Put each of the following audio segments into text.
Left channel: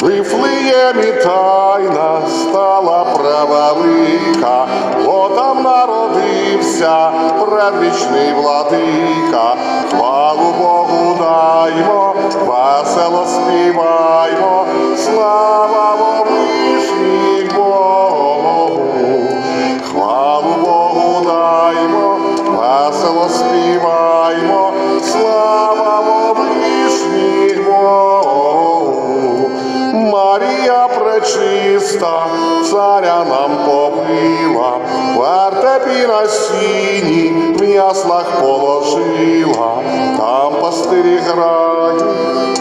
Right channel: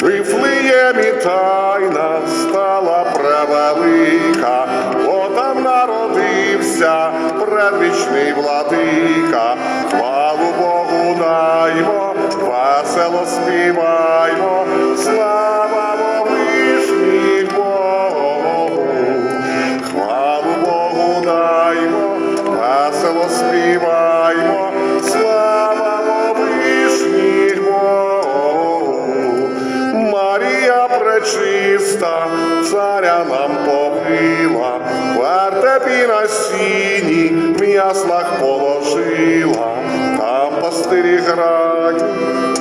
Вифлеємі тайна стала превелика, бо там народився предвічний владика. Хвалу Богу даймо, весело співаймо, пречиста, царя нам побила, вертепі на сіні, в яслах положила, там пастирі грають,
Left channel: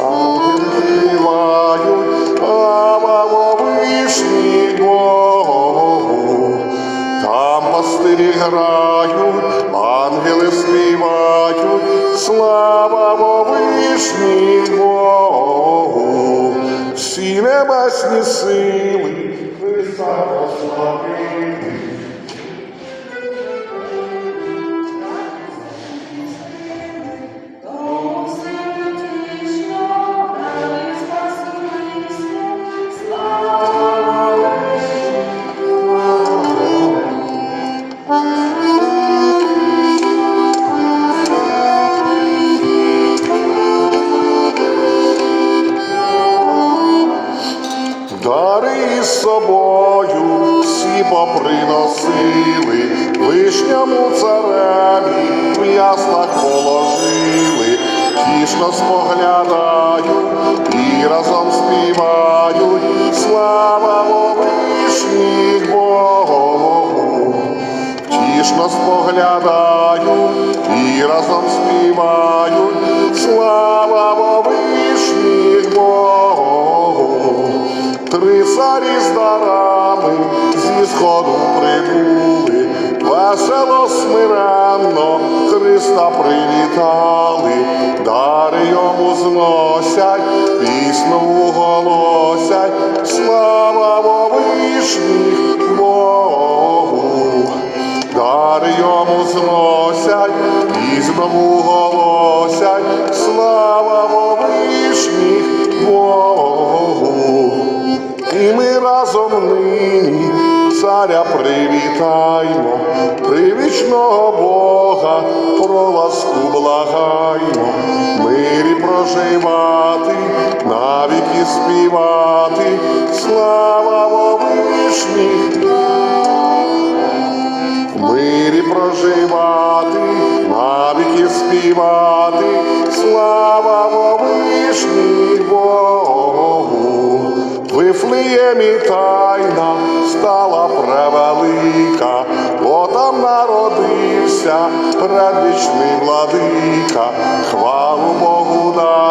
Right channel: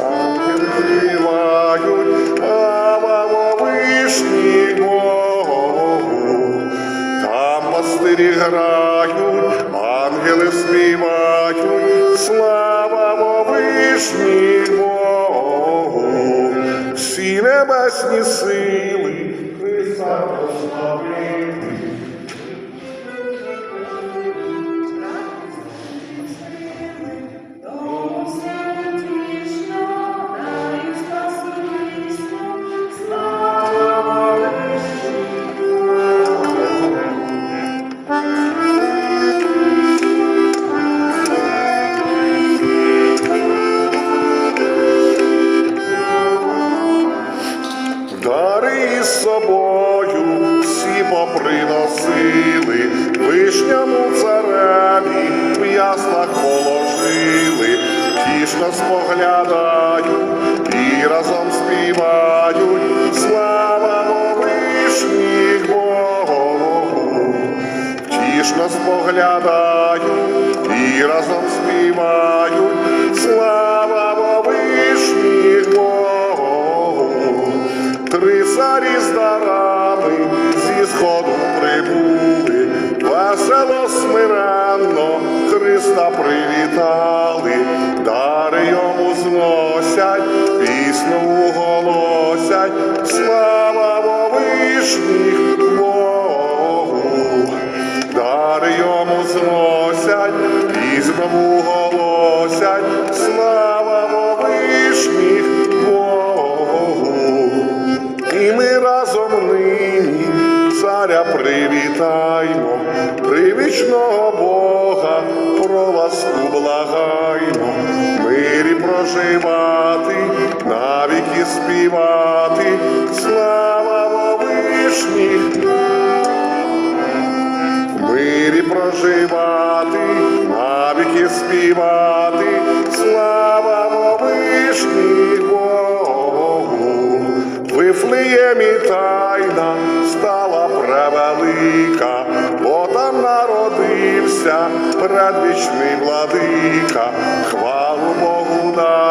ангели співають, слава вишній Богу. Там пастирі грають, ангели співають, слава всі небесні сили Христа прославили. Вишньому цареві в яслах положили, тішно споглядають і разом співають, слава вишніх Богу. Тішно споглядають і разом співають, слава вишніх Богу. Три царі з дарами зі сходу прибули, весело смиренно Христа привітали, дари йому зносять, пісню голосять, слава вишніх Богу. Дари йому зносять, і знову голосять, слава вишніх Богу. І ми разом нині царя привітаймо, привічного Бога про ласку благаймо, мирі проживати, навіки співати, слава Вовишніх, мирі проживати, Вифлеємі тайна стала превелика, бо там народився предвічний владика. Хвалу Богу даймо,